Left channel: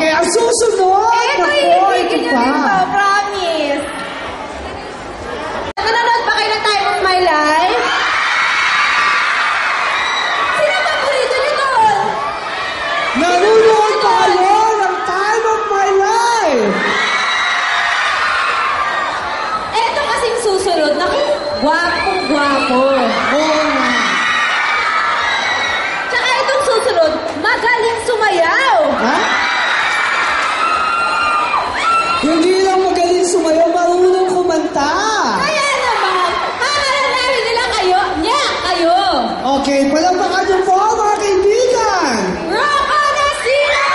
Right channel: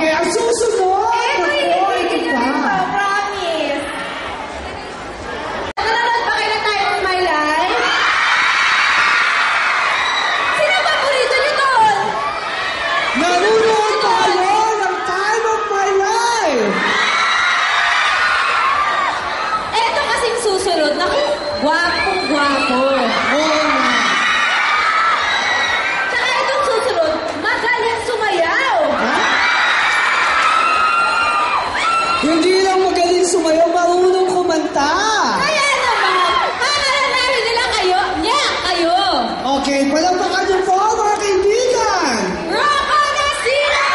Okay, ang susunod. Ito, ibigin nyo ito. Promise. Nanonood ba kayo ng Time of My Life? Sino ba burrito nyo doon? Nanonood pa kayo ng Time of My Life. Ito kasing susunod. Naku, gwapong-gwapo. Oo nga. Tsaka itong susunod, magaling sumayaw. Ha? Hindi lang magaling sumayaw, marunong kumanta. Kaya naman, hahanapin nila kayo. Nya, kayo. Okay, palakpakan niyo po mga kaibigan. Rocco Nasino!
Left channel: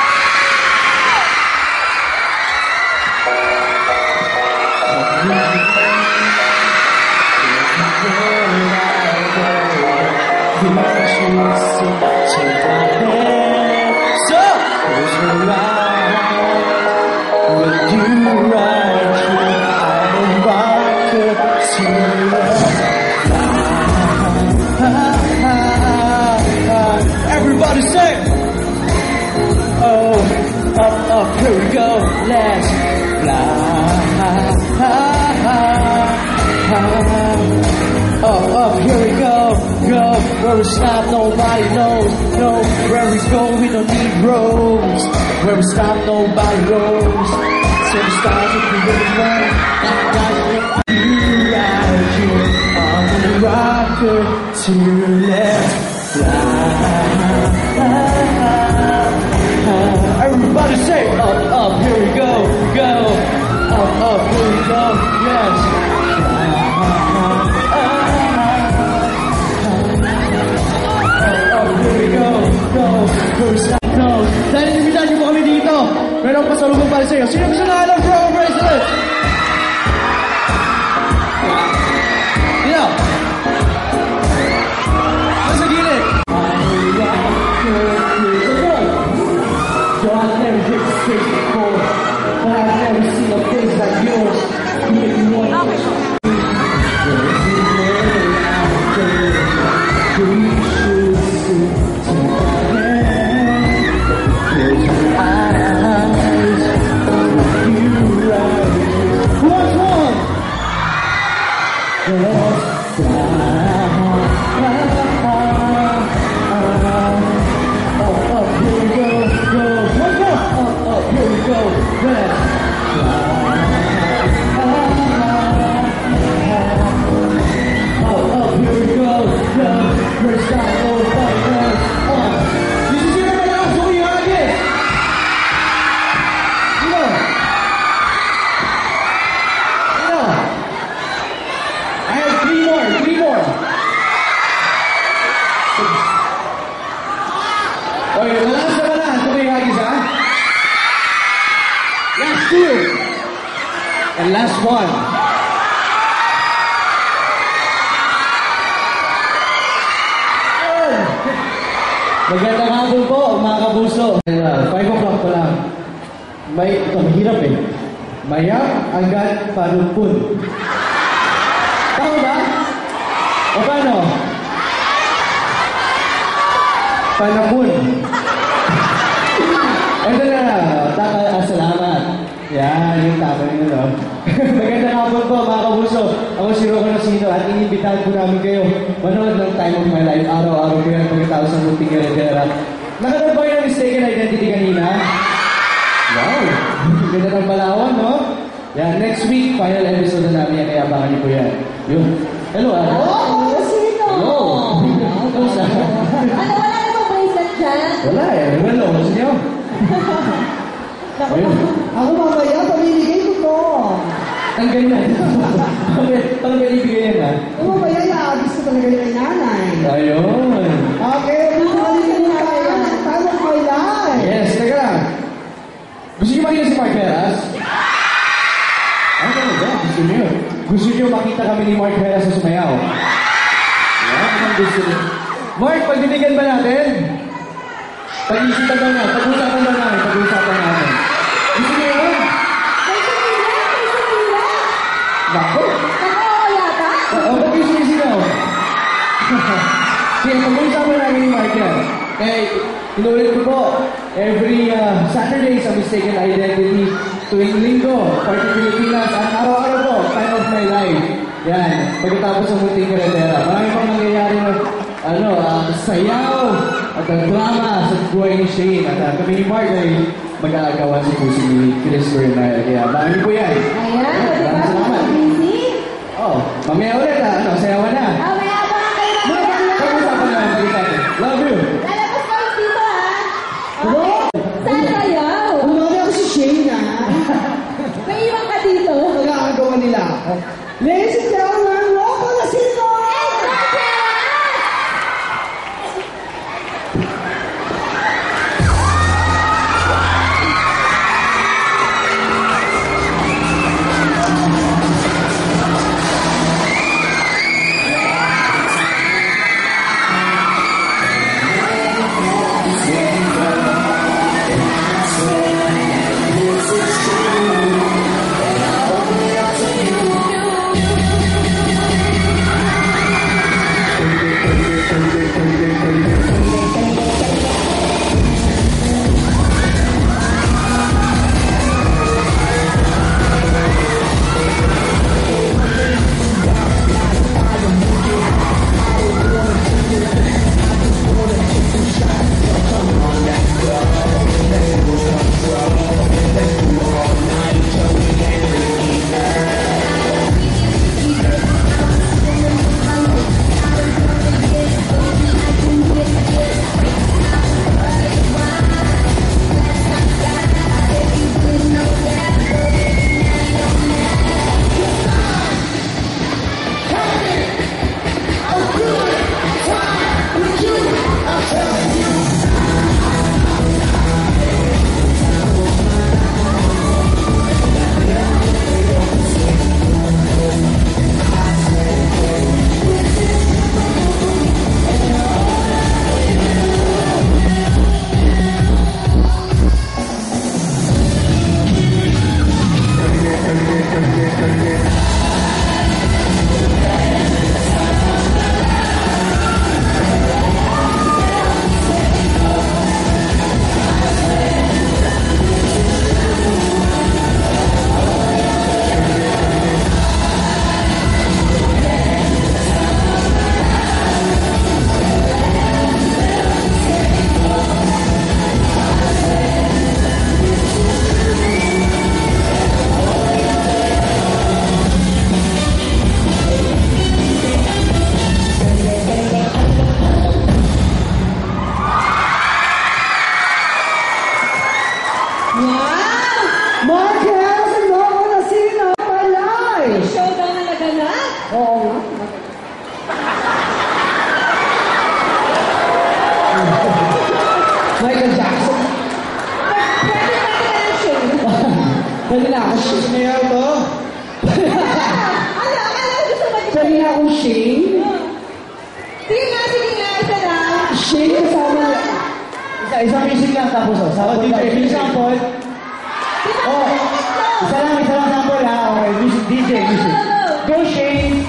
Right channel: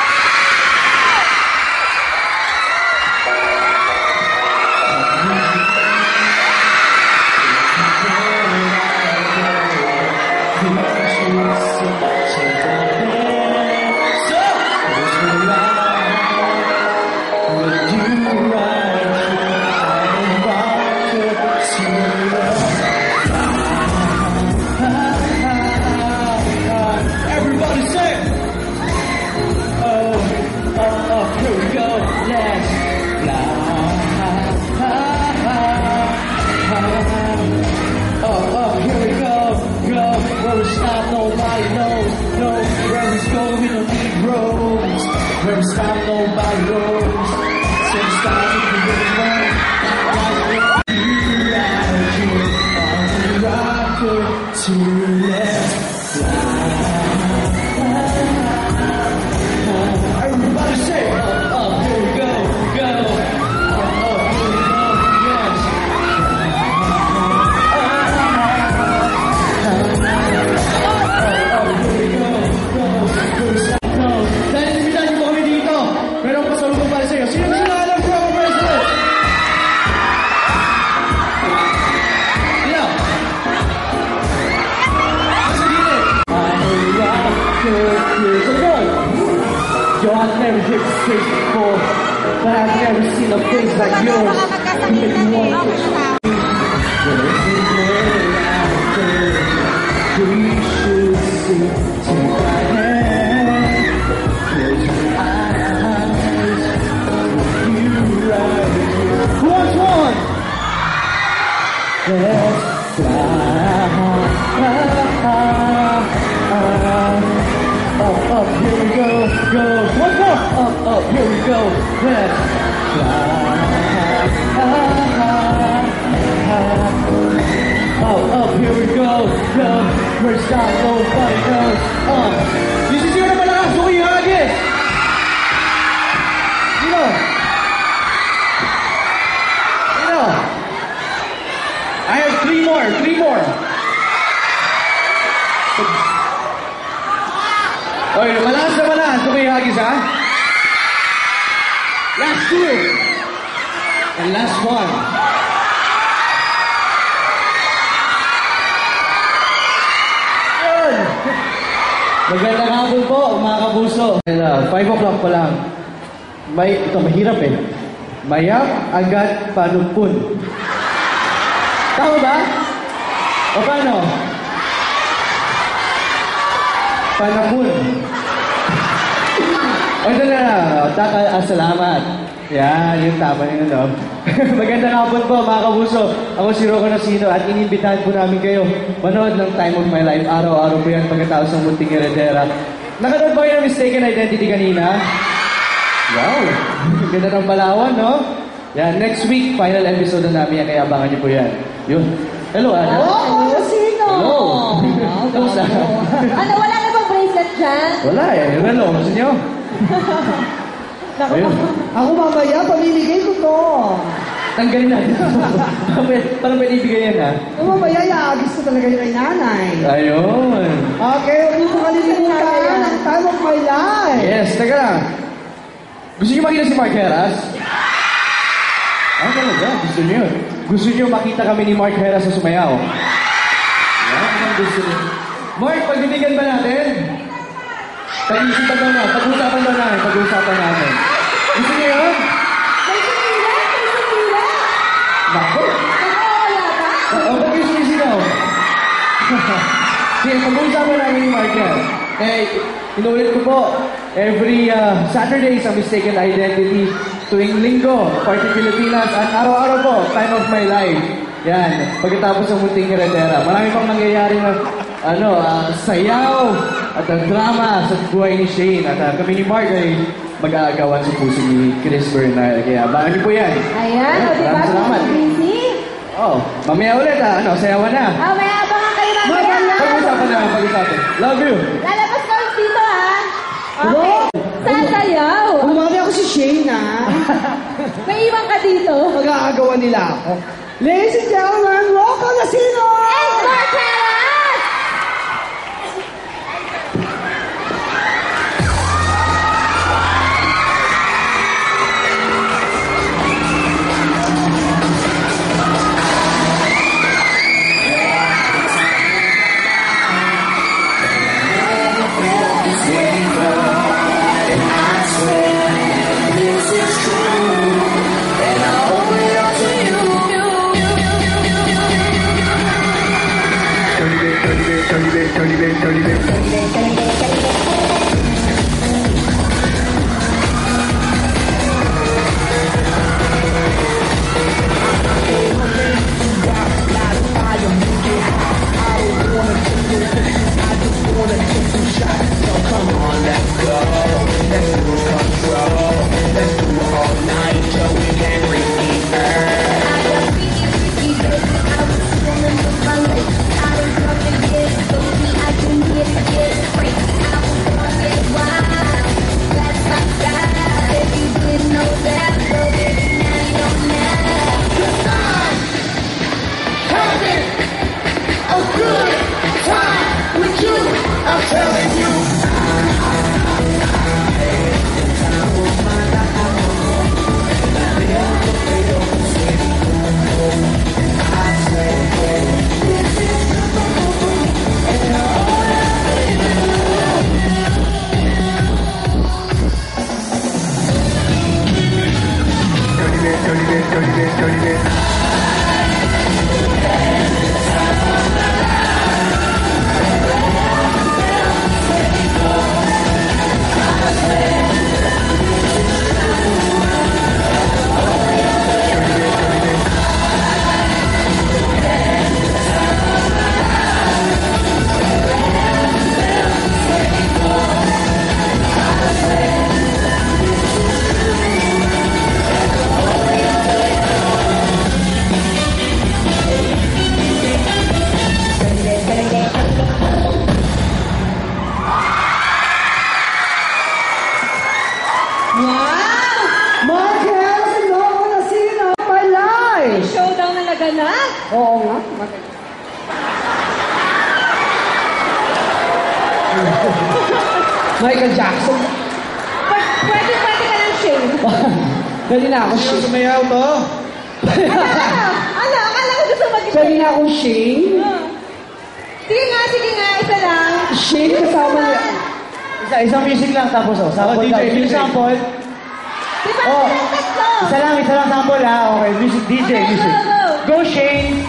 Everybody sing! Oh, up, here we go, let's fly. Up, here we go, where we stop, nobody knows, no, where we go, we don't need roads, where we stop, nobody knows, so we start if we really want, you ride you on the rocker to let's fly. Everybody say up, here we go, up, here we go, yes. Up, here we go, go. Dahil nasibitan niyo po kami dito, meron pasalubong para sa iyo. Sino gusto na alam for our president? Sino? Nasa gilid. Yo, I've never hit the streets before, but I've never seen a face like yours. You make me want to you should see to my hand. Close your eyes, you right here. Who wants one? Let's fly. Up, here we go. One more. Up, here we go. Let's fly. Up, here we go. We're stop, nobody knows. This is your number. So you have it. You know. I have three more. Okay, malas na malas. So may hagis, ha? Last two. And last one. Yun. Magandang hapon po, mga kapuso. 5 o'clock pa lang. Ito, mahirap eh. Mayap agad panupun. Tama ba? O paano? Panapun. Ito na, salamat. Yan, yung tama yun, no? Magandang hapon po, mga kapuso. Ako si Rocco Nasino at inimbitahan po namin kayo manood ng Time of My Life. Araw-araw po yan pagkatapos ng Munting Heredera. Nakanood ba kayo ng Mistaken Identity kanina? Wow! Ganda ng Palawan, no? Yan, next week, final episode na namin yan, kaya abangan niyo po yan. Yun. Hello, Ana. Oh, sino? Hello. Kamusta? Ano, wala na bang bracelet dyan? Wala eh. Hello, gusto niyo? Ayun. Ako mamaya, pamimigay ko to. Tanggalin na. Paano may ibigay yan, ha? Mamaya, iaagis ko talaga yung kay nanay. Ayun. Okay, huwag mo kalimutan ang Time of My Life. Yes, teka lang. Gusto niyo makita si Mark Heras? Ah, talaga? Gusto niyo? Gusto niyo makita kami ni Mark Heras sa sumayaw? Yan, ang gusto niyo. Mark, pagbibigyan ba natin? Pag-iisipan daw na. Pag-usapan daw namin. Pag-usapan namin. Gusto niyo yun? May sumila. Bako? Oo, yata. O, ba't yung sumisinaw? Sige, pag-usapan namin ni Mark yan. Eh, inuulit ko po. Every Saturday sa Mistaken Identity, tuwing linggo, Party Pilipinas, at araw-araw po, Time of My Life. Yan, pagkatapos ng Munting Karetera. Marami pang nangyayari na sayaw at ang drama sa buhay ni Shane. At kami ni Mark ay mag-aagawan sa puso ni Chris Bernal. Kaya abangan niyo po yan. Ayan, o diba? Salamat. Busy. Oh, mamaya ulit sayawan na. May abangan kayo mamaya. Pag-usapan na, pag-usapan. Love you. Lalabas ka ulit dito, ha? Okay. Sasayaw. Umami ako si Shane, ha? May iwan ka dito. Mag-aagawa nila ako. Ladies and gentlemen, Rocco Nasino! And Marquez! Oo nga. Michael Jackson. Pwede ka ng shade. Pwede na ako shade. Sumayaw to? Akala ko gusto mag-shade. Pwede na akong shade. Sige nga, isa lang. Shade kasama niya. Isang music lang tapos sample DJ, lang. DJ. Sample. Diba? Oh. Tatlo. Isa lang sample ha. Okay, music, DJ, music. Go Shane!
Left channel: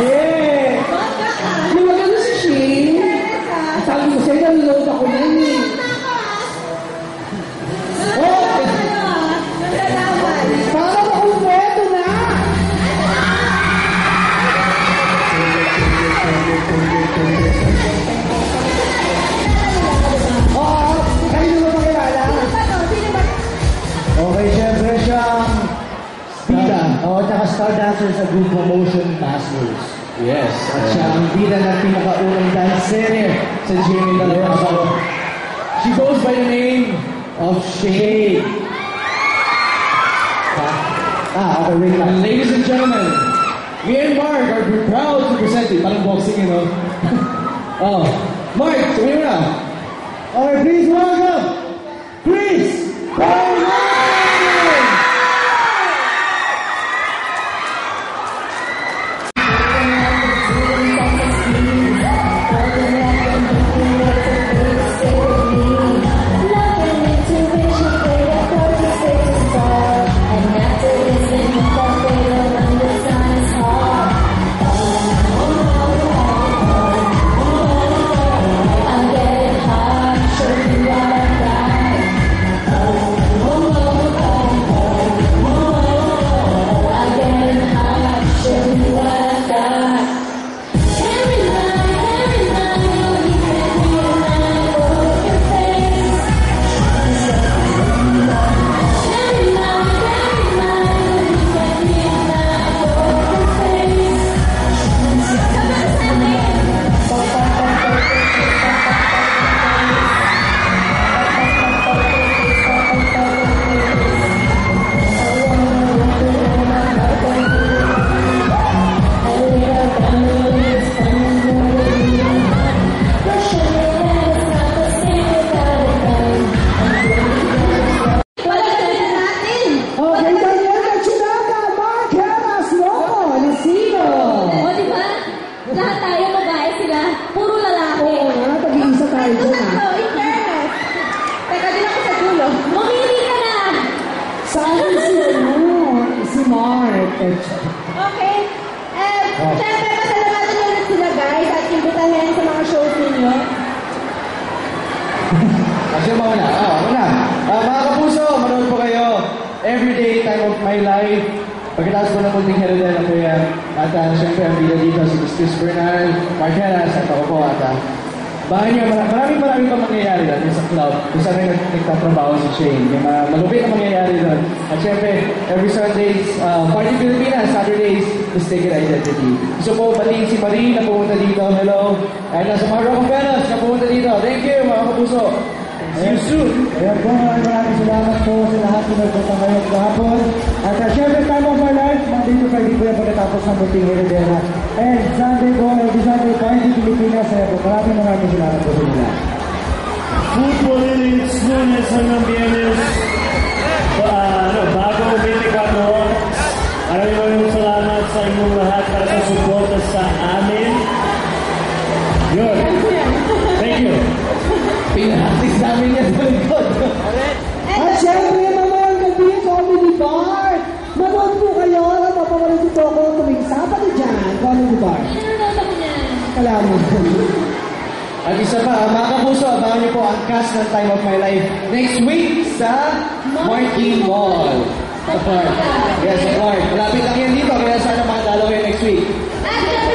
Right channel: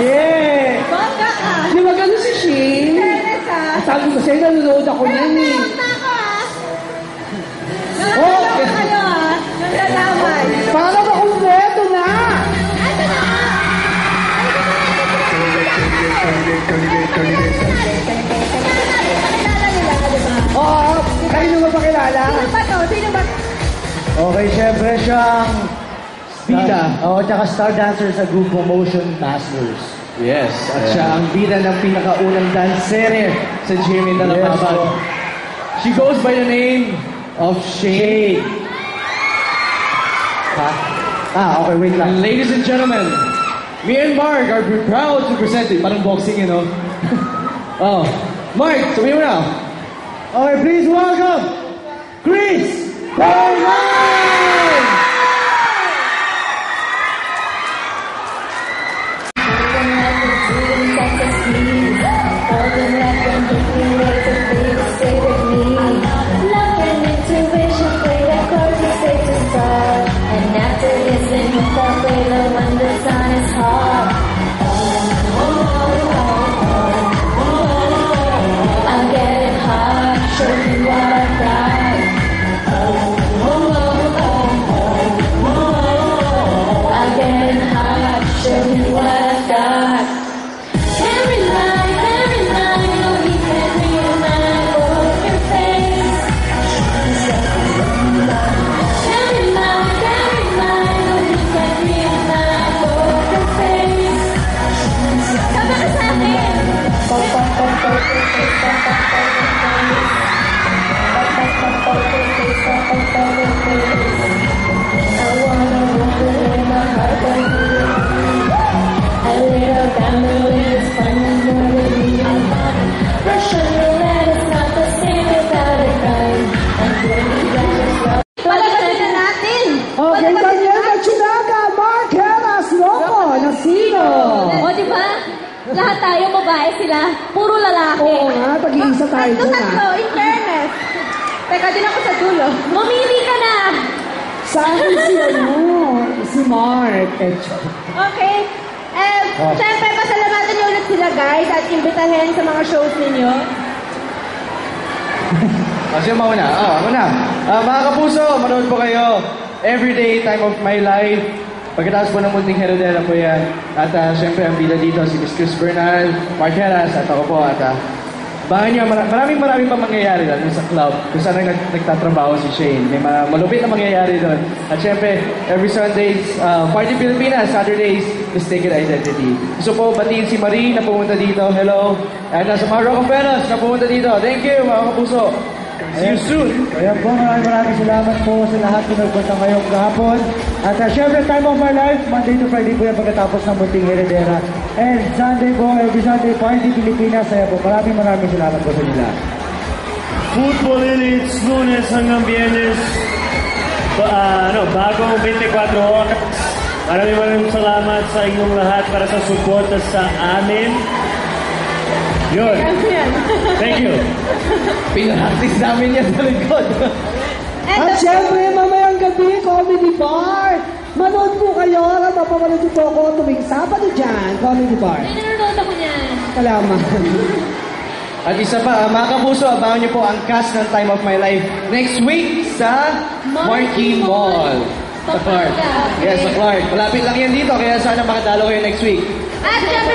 Yeah! Bangga ka. Di ba ganun si Shane? Serious, ha? Sabi ko sa'yo, nanonood ako yan eh. Nanonood na ako, ha? Oh! Nanonood kayo, ha? Nandalaman. Para makumpleto na! Oo, kayo naman pakilala. Sino ba to? Sino ba? Okay, syempre siyang bida. Oo, tsaka star dancer sa grupo Motion Masters. Yes. At siya ang bida ng pinakaunang dansere sa Jimmy Dalapaban. She goes by the name of Shay. Okay, wait lang. Ladies and gentlemen, me and Mark are proud to present it. Parang boxing, you know? Oh, Mark, sabihin mo na. Okay, please welcome Chris Bernal! And after this, then you thought they were wonderful. Lahat tayo babae sila. Puro lalaki. Oo nga, pag-iisa tayo dun Tatlo, in fairness. Teka, din ako sa dulo. Mamili ka na. Saan si Mark? Okay. Siyempre, pasalamatan niyo ulit sila, guys, at imbitahin sa mga shows ninyo. Kasi mauna. Ako na. Mga kapuso, manood po kayo. Everyday, Time of My Life. Pagkatapos po ng Munting Heredera po yan. At syempre, ang bida dito, si Miss Chris Bernal, Mark Heras, at ako po. At bahan niyo, maraming pa mangyayari doon sa club kung saan nagtatrabaho si Shane. May mga malupit na mangyayari doon. At syempre, every Sundays, Party Pilipinas, Saturdays, Mistaken Identity. Gusto po batiin si Marie na pumunta dito. Hello. At sa mga Rock of Velas na pumunta dito. Thank you, mga kapuso. See you soon. Ayan po, maraming salamat po sa lahat na nagpunta ngayong kahapon. At syempre, Time of My Life, Monday to Friday po yan pagkatapos ng Munting Heredera. And Sunday po, every Sunday, Party Pilipinas. Ayan po, maraming salamat po sa nila. Football Elites, Lunes hanggang Biyernes. Bagong 24 oras. Maraming salamat sa inyong lahat para sa suporta sa amin. Yun. Thank you. Pinahatis namin yan sa likod. At syempre, mamayang gabi, Comedy Bar. Manood po kayo at mapapanood po ako tuwing Sabado dyan, Comedy Bar. Nanonood ako niyan. Salamat. At isa pa, mga kapuso, abangan niyo po ang cast ng Time of My Life next week sa Marquee Mall. Sa Clark. Yes, sa Clark. Malapit lang yan dito, kaya sana makadalo kayo next week. At syempre,